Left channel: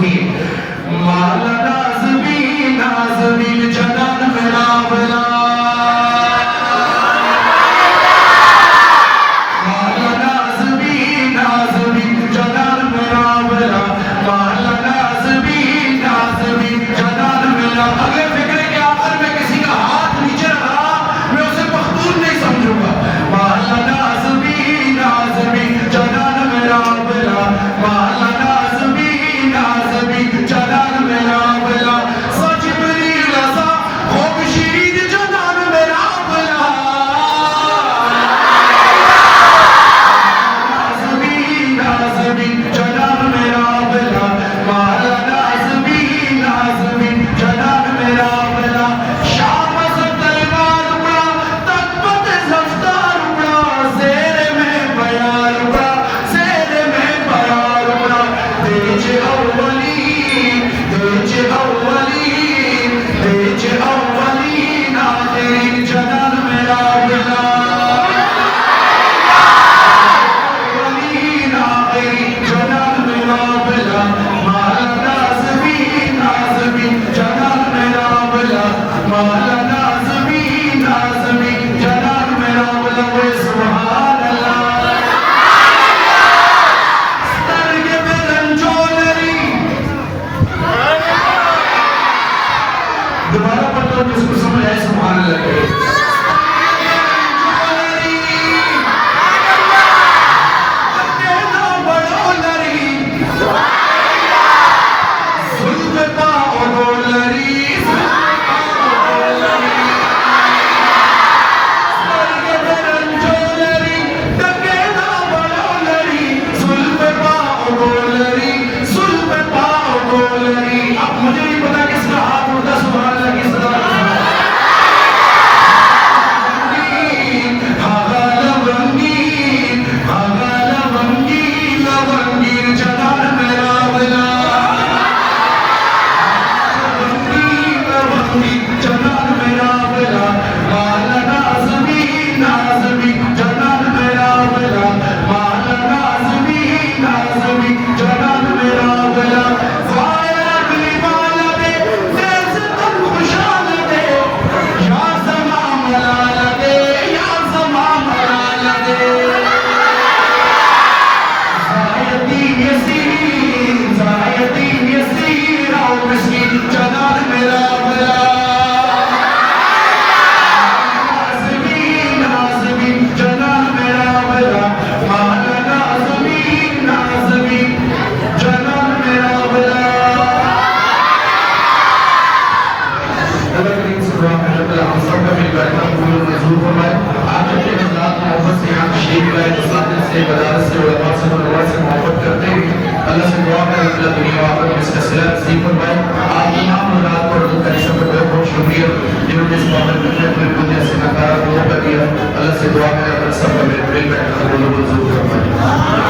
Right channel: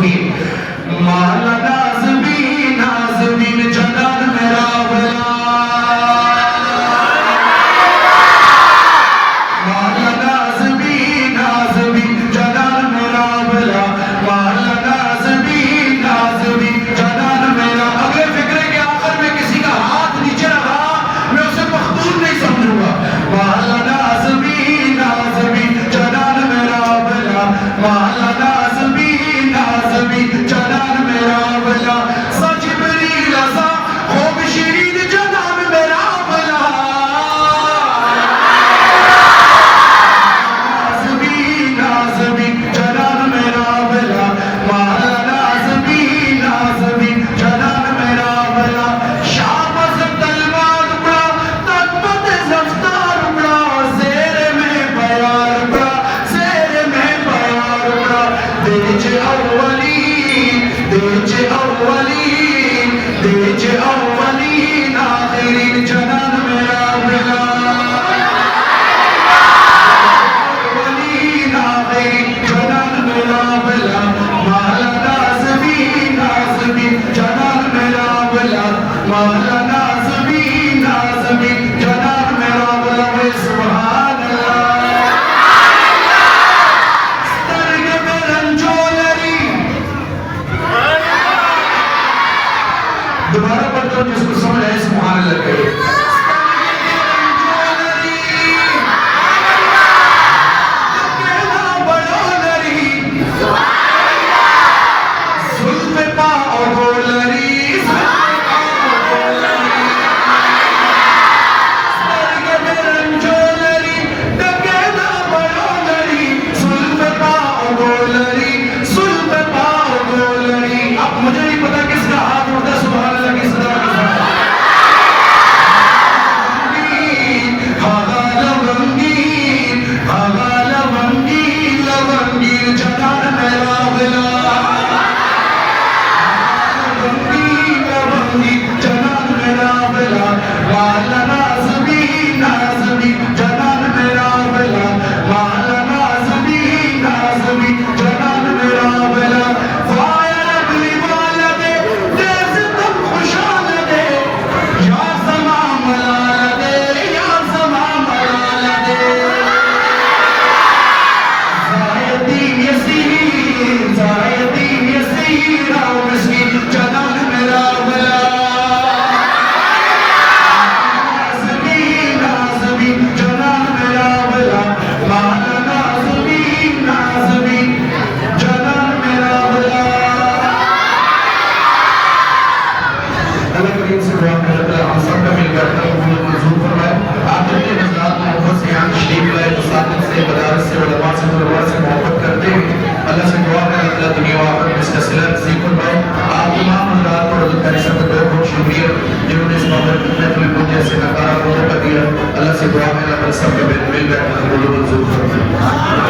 सुनिए। मौला नाज़मीन नाज़मीन जनान मेरा भला, मौला नाज़मीन नाज़मीन जनान मेरा भला, मौला नाज़मीन नाज़मीन जनान मेरा। अगले फिक्रे के आखिर में किसी का हाथ नीचे रखा, मैं उसे मखदूम नहीं समझूंगा। मौला नाज़मीन नाज़मीन जनान मेरा भला, मौला नाज़मीन नाज़मीन जनान मेरा भला। सजिबरील अज़ा हो बशीरीद जनान मेरा भला, नाज़मीन नाज़मीन जनान मेरा भला, मौला नाज़मीन नाज़मीन जनान मेरा भला। शाम से तलवार उड़ा, तकबत ज़फ्तार उड़ा, ज़ेरे में बयार उड़ा, ज़ेरे में बयार उड़ा। तेज अव्वली आखिरीन जनान मेरा भला, अव्वलीन आखिरीन जनान मेरा भला। मौला नाज़मीन नाज़मीन जनान मेरा भला, मौला नाज़मीन नाज़मीन जनान मेरा भला। सुभान अल्लाह। सरगे में रंजोलरी, दोबारा पढ़ते हो जिसको समझ आए सुभान अल्लाह कहे। अब मुझे नहीं पता किसका हाथ उठता सुभान अल्लाह की सदा के साथ। लवंगीन जनान मेरा भला, लवंगीन जनान मेरा भला। मौला नाज़मीन नाज़मीन जनान मेरा भला, मौला नाज़मीन नाज़मीन जनान मेरा भला। जिन्होंने इस मौके पर मुझे ऐसे नकारा दिया, अल्लाह से दुआ है अल्लाह सब का बेल बैठना कबूल मंजूर फरमाए।